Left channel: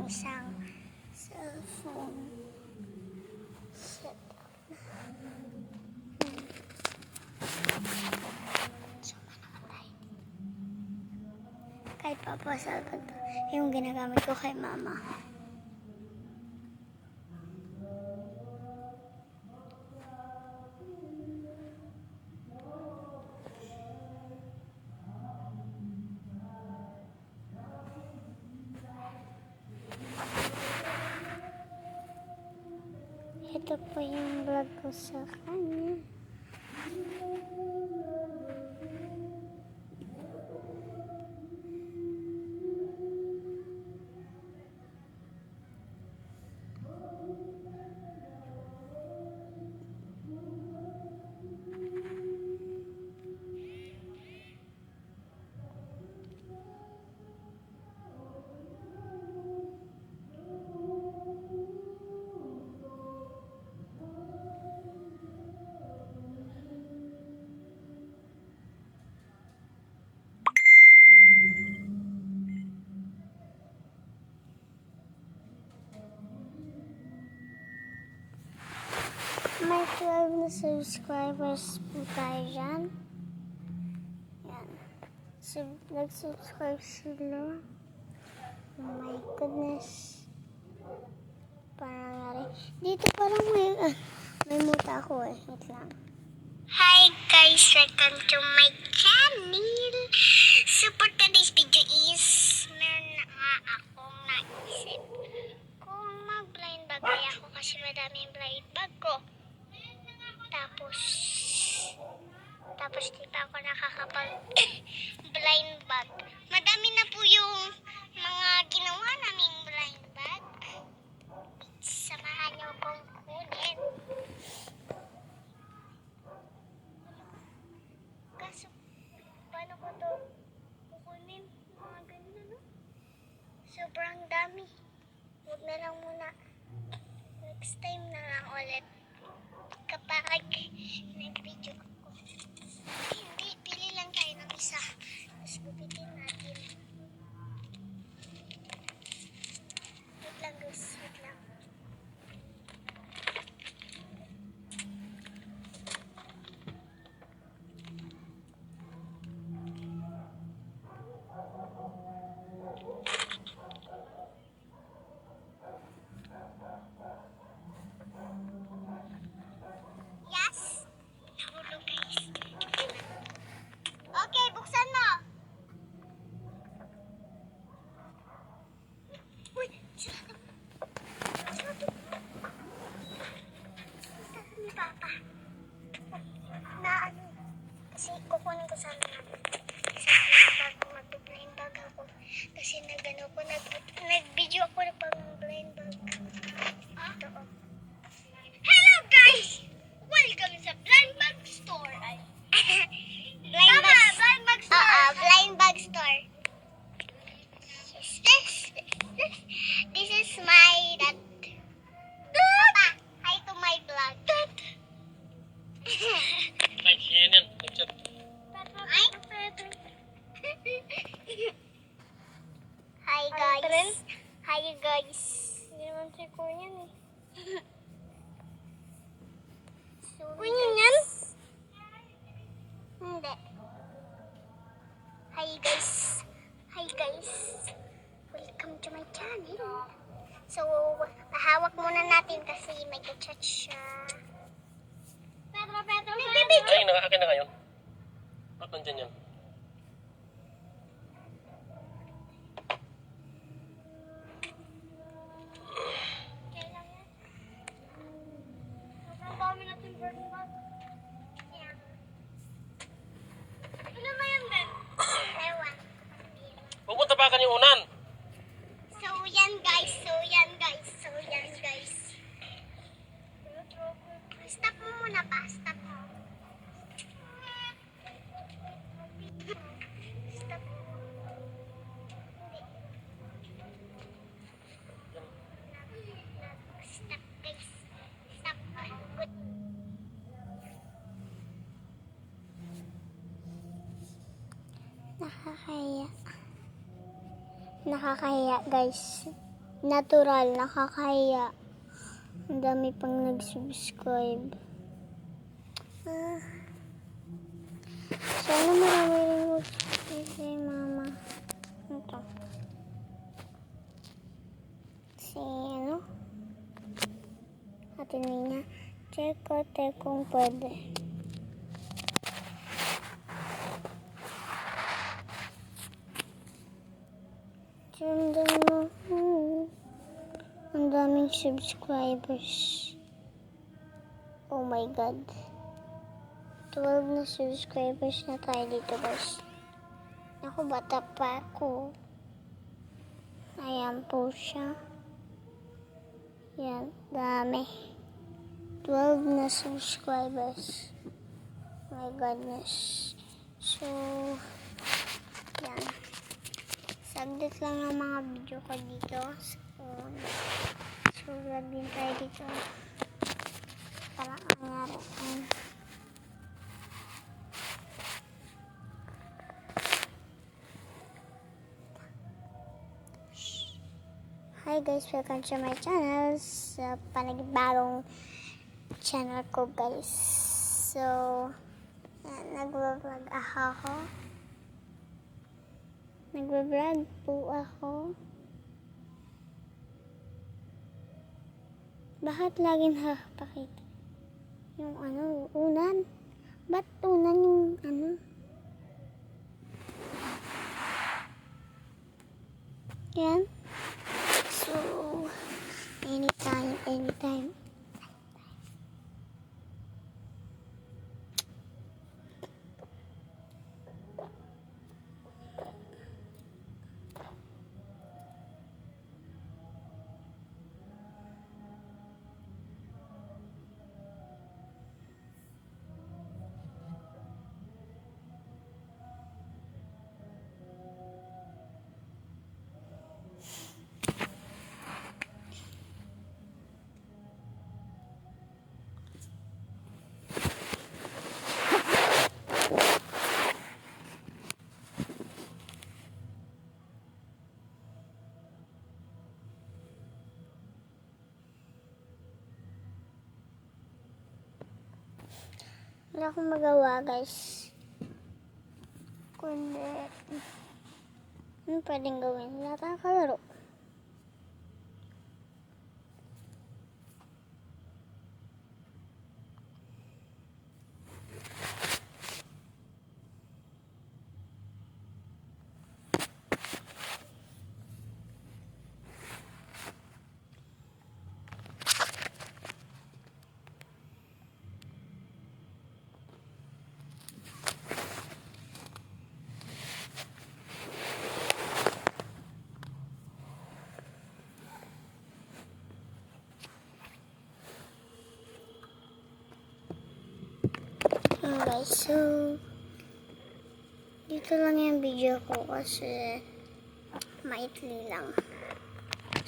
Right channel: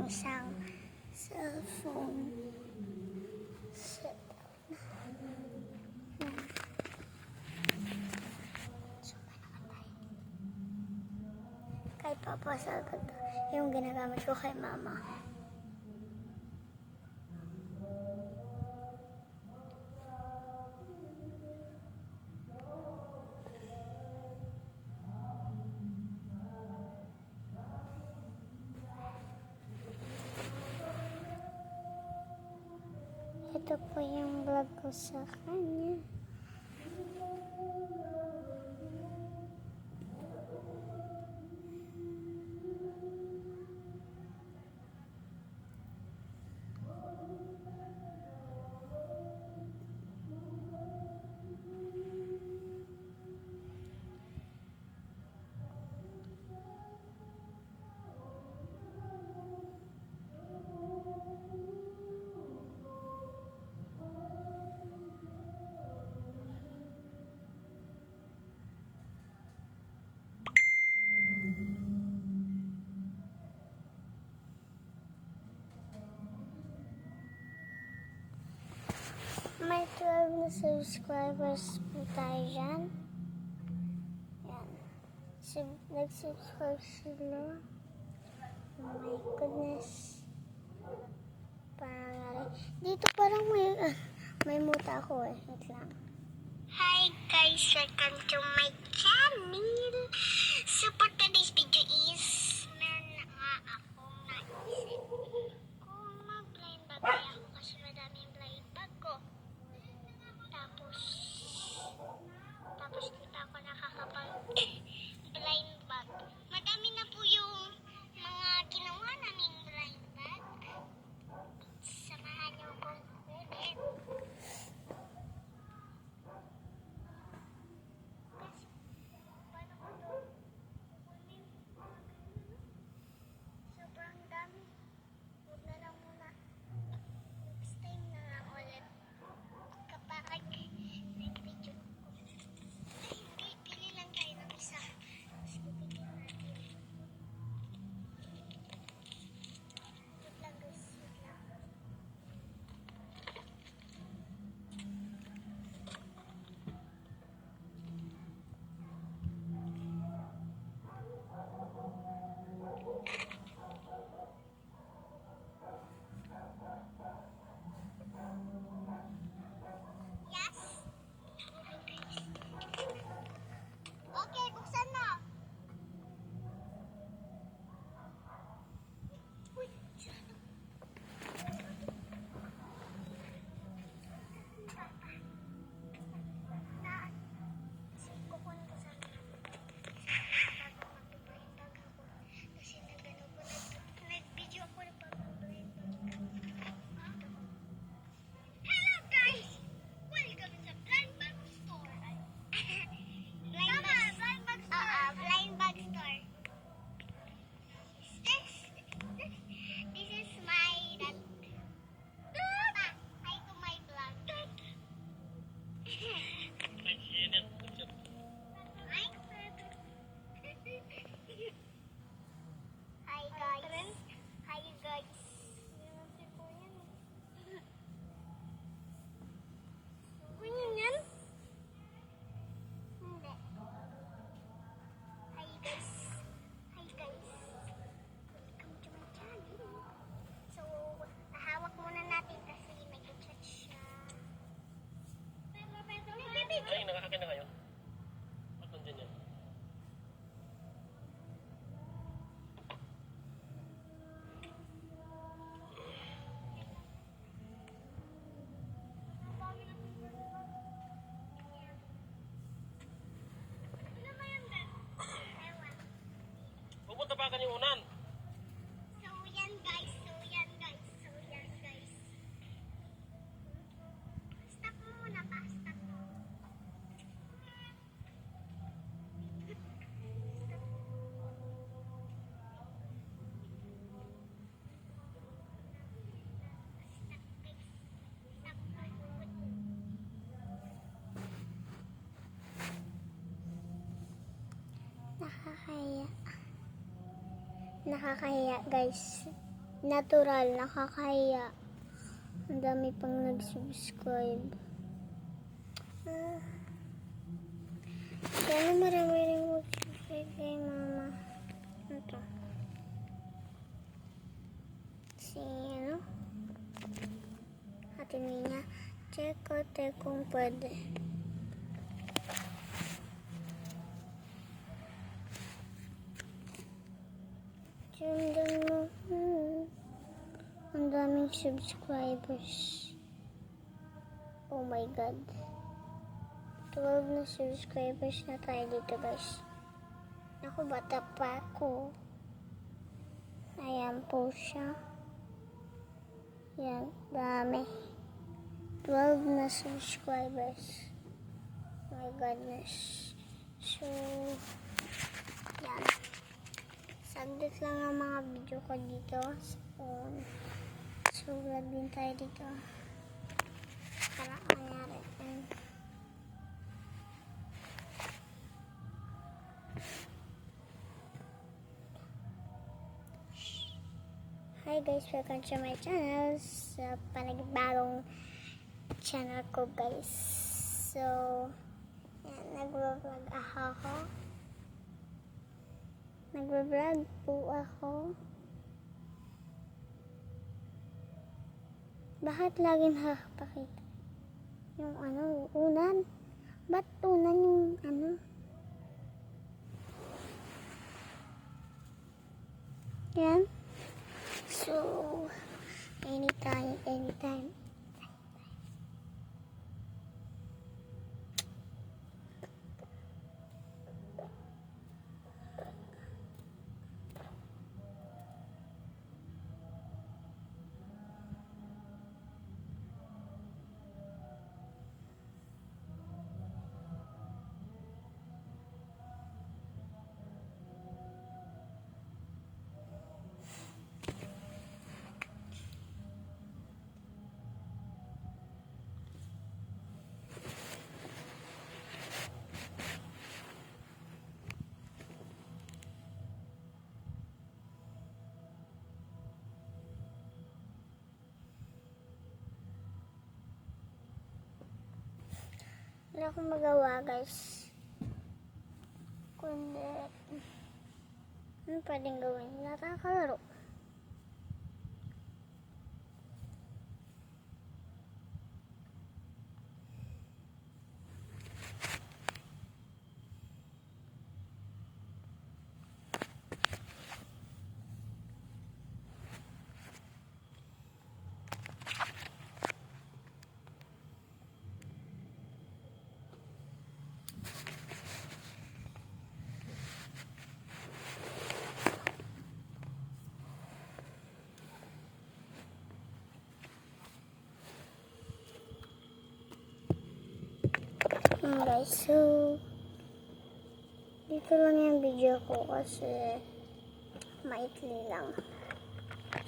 yung isang cellphone setup na. Suma naman tayo. Kay Papa Salvador. Yung ginagamit ko kay Mama. Ito po yung vlog ko sa kanya. May 12 na subscribers po tayo dyan. Yan. Nag-subscribe sila. Oh my goodness. Parang nga rin. Dito parang may muta ako eh. Wait lang. Hi guys! Welcome to my channel. So for today's video is meron na nga akong naisip. Kung mag-blind bag kaya ako kasi madami yung blind bag ko. Tapos di pa ako nakakapag-blind bag. Madami na po yung mga ginawa naming blind bag. Samahan niyo akong kunin. Kaso, paano ko to kukunin? Mga ganun, no? Sobrang dami. Huwag na lang muna. Next time na lang ulit. Kapag nag-video ako. Hindi, pili lang tayo ng isa. Tapos gupitin natin. Wait lang guys, wait lang. Yes? Tulog guys. Okay, buksan mo. Uy, sarado. Sarado. Ni Papa. Na ano? Kasi kukunin ko sana bago mag-blind bag ako. Kasi nag-ano ko, nag-video ako na pag-blind bag. Ito oh. Hello guys! Welcome sa Blind Bag Store. Blind Bag Store. Blind Bag Store. This is my dad. Papa, hi to my vlog. Dad. Ay, yan yan. Ay. Hi guys. Hi guys. Hindi naman si Kuya eh. Kuya yan? Hindi. Hi guys. Hi guys. Welcome to my channel. So, pahawak muna natin kasi may ka-chat siya. Pedro. Ay, nakakakin na kayo? Ba't nandyan yan? Pupunta pa ka yung unan. So yan guys. Stop mo muna pa. Stop mo. Stop. Stop guys. Stop. Good. Nakakahiya guys. natural, nakakahiya. Ang dami pang nag-subscribe. Sana marami rin mag-subscribe kay mama. Ito. Si ano? Ate Nina. Check ko kung pwede. Sundan mo. Ang daming subscribers. Oh my God. 12 na subscribers na tayo dito, guys. Ako, bata pa ako. Ayan po siya. Yan, dami. 12 na subscribers. My goodness. So, yan. Saglit lang ang mga video ko dito sa phone. So, vlog din tayo dito. Parang nangyari. Hi guys, welcome to my channel. Sa panibagong channel ko, guys. So, yan, nagbablog ako. Nagbablog po ako. Bakit laging nakapakita? Yung ano, unan? Ba't unan yung ano? Yan. So, anytime. Wala akong magawa, guys. Kundi, ano pwedeng gawin? Wala tayong kalaro. Guys, so dito lang yung video ko kasi maitli lang.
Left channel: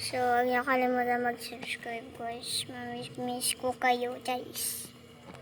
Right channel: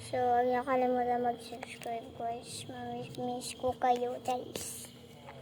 So, huwag niyo kalimutan mag-subscribe, guys. Mamiss ko kayo, guys.